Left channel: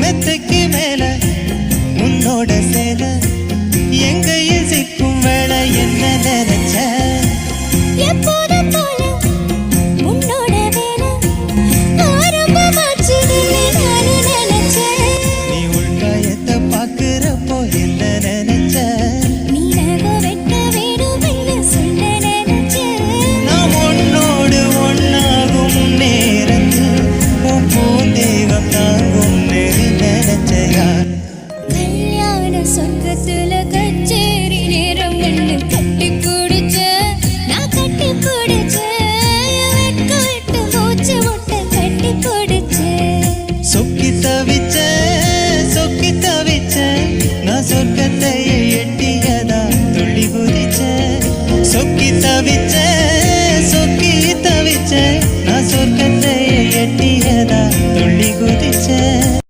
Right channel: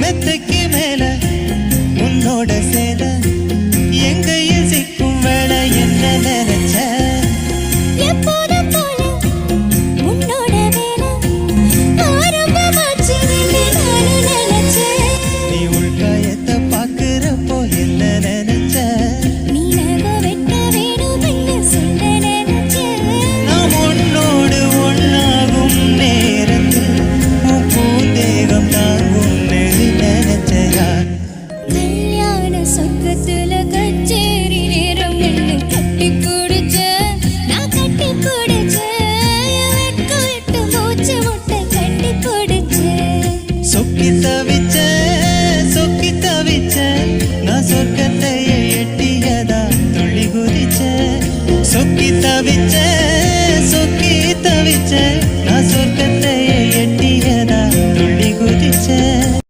மெத்தைக்கு மேல உன்னோட சேல எங்கையில் சிக்கும் வேலை என்ன நினைச்ச? பாக்குறப்போ என்ன நினைச்ச? நீ நகம் வெட்ட வேணும்னு சொல்ல நினைச்சேன். நாம் உன்னோடு ஒன்னாகும் நேரத்தில் உன் பூந்தேகம் தாங்கும் கல்யாண சொர்க்கத்துல கச்சேரி நேரம் என்ன கட்டி பிடிச்ச நான் கட்டி பிடிச்ச வெட்க விட்டு மூச்சு முட்டை கட்டி பிடிச்ச. சொக்கி தவிச்ச சொக்கி தவிச்ச நான் சொர்க்கத்தை எட்டியதா துள்ளி குதிச்ச. சொக்கி தவிச்ச சொக்கி தவிச்ச நான் சொர்க்கத்தை எட்டியதா துள்ளி குதிச்சேன்